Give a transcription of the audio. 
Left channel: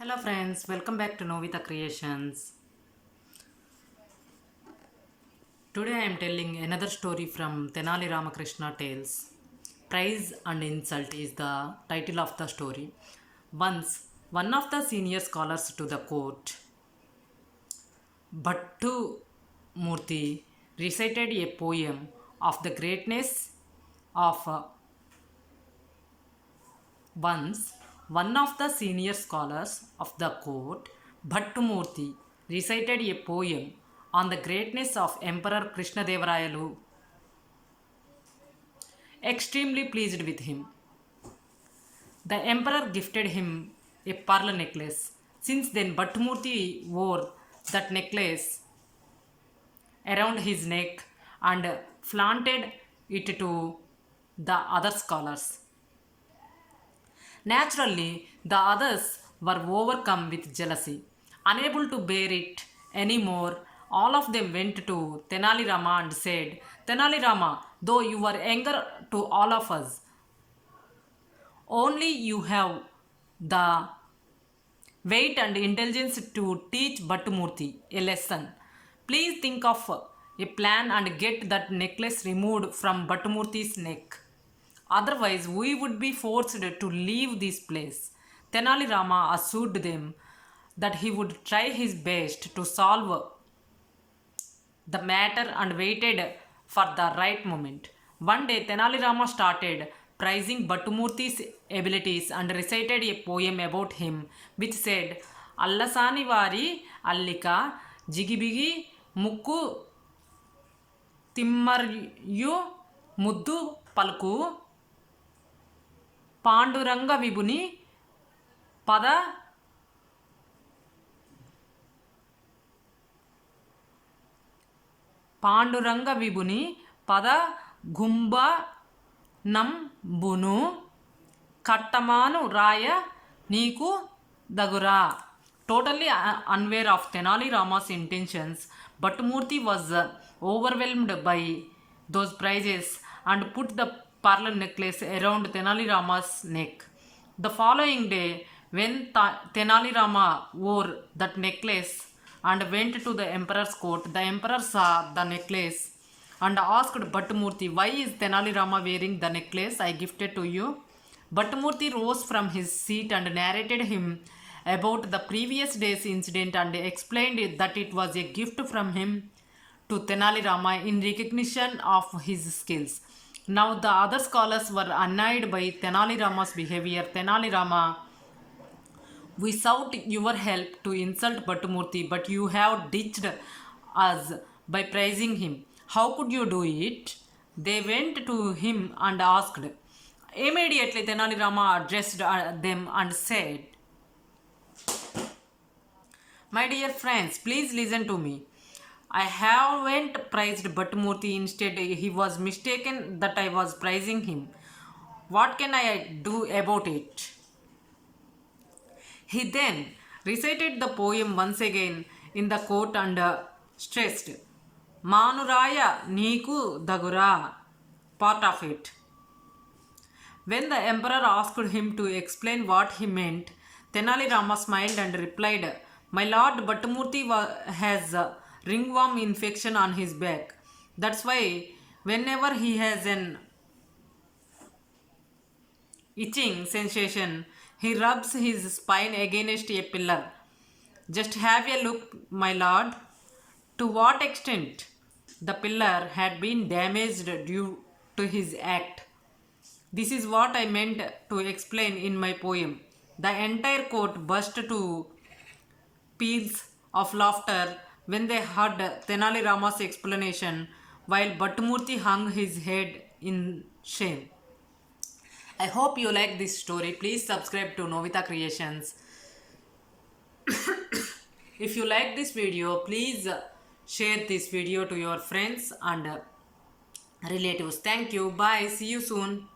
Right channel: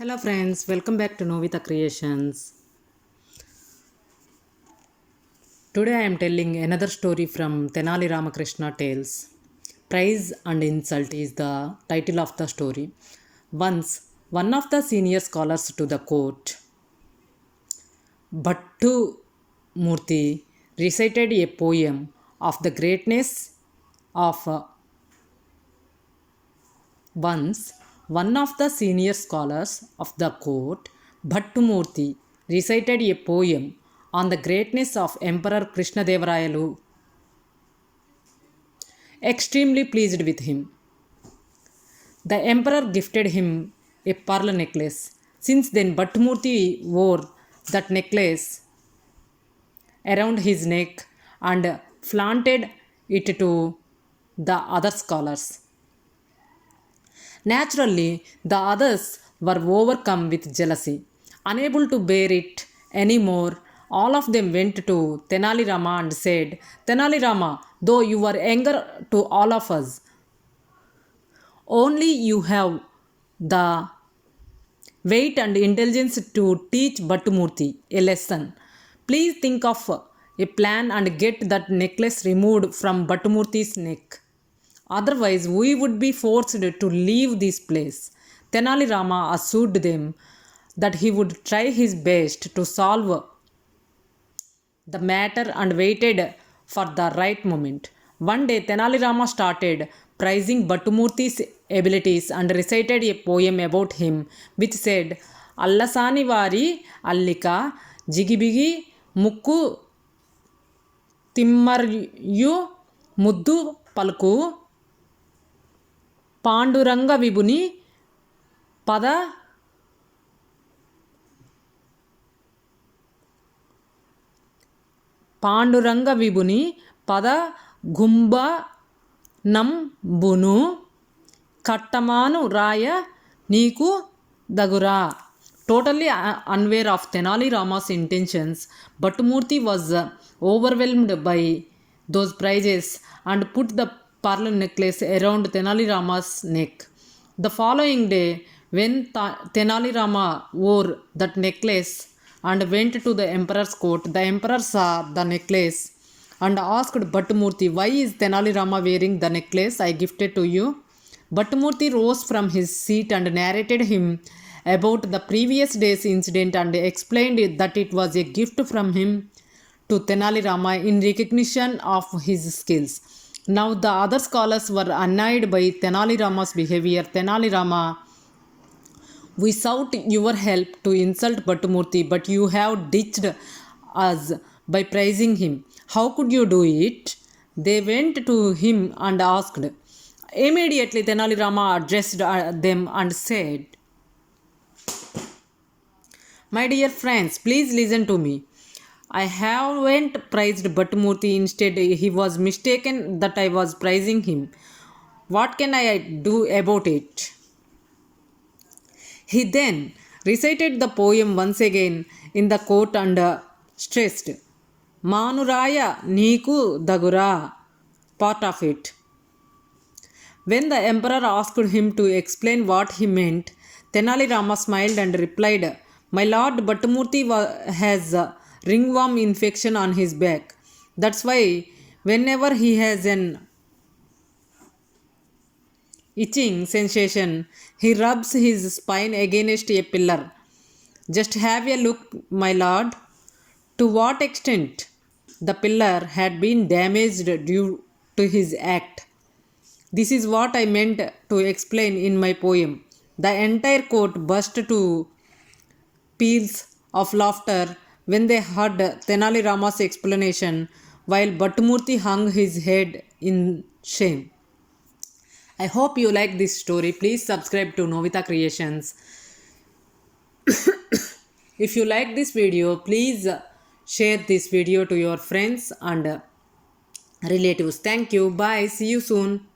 Hello friends, welcome back to Novita Creations. Today I am telling another story from Tenali Ramakrishna Tales. Prize and Insult is the title of the story. Once, one of the senior scholars to the court, Bhattu Murthy, recited a poem of the greatness of Once, one of the senior scholars of the court, Bhattumurthy, recited a poem on the greatness of Emperor Krishnadevarayalu, extremely pleased with him. The emperor gifted him a pearl necklace. Since then, Bhattumurthy wore that necklace around his neck and flaunted it to the other scholars. Naturally, the others were overcome with jealousy. Unable to bear it any more, all of them went to Tenali Rama and said, Tenali Rama, though you are younger to all of us, only you have the weight and intelligence to teach Bhattumurthy a lesson. Please think of a plan and get that necklace removed from Bhattumurthy's neck. Otherwise, we would be forced to leave this place. Tenali Rama assured them that he would try his best to solve the matter and waited for the right moment. One day, Tenali Rama started praising Bhattumurthy's abilities and recited a poem about him, which said, Allasani vari allika jigibigi mukku timmaryu muddu palku Panduranga విభుని పద పాండురంగ విభుని పద గుంబ నంబును కట్టమాను రాయ నీకు దగురా. Totally unaware of Tenali Rama's intentions, Bhattumurthy was overwhelmed by those praises and put the pearl necklace around Tenali Rama's neck. The following day, when Tenali Rama wore that necklace and went to the emperor's court, the emperor saw the necklace and asked Bhattumurthy, why is Tenali Rama wearing the necklace I gifted to you? Bhattumurthy rose from his seat and narrated him about the previous day's incident and explained that it was a gift from him to Tenali Rama in recognition of his skills. Now the other scholars were annoyed by Tenali Rama's behavior. Tenali Rama, we sought your help to insult Bhattumurthy, but you have ditched us by praising him. How could you do it? They went to him and asked. Immediately Tenali Rama addressed them and said, my dear friends, please listen to me. I haven't praised Bhattumurthy. Instead, he was mistaken that I was praising him. What can I do about it? He then recited the poem once again in the court and stressed, Manuraya Niku Dagura, part of it. When the emperor asked him to explain what he meant, Tenali Rama smiled and replied, my lord, Bhattumurthy has a ringworm infection on his back. That's why whenever he has an itching sensation, he rubs his spine against a pillar. Just have a look, my lord. To what extent the pillar had been damaged due to his act. This is what I meant to explain in my poem. The entire court burst to peals of laughter when they heard Tenali Rama's explanation, while Bhattumurthy hung his head in shame. I hope you like this story. Please subscribe to Novita Creations. If you like this video, please share this video to your friends and relatives. Thank you. Bye. See you soon.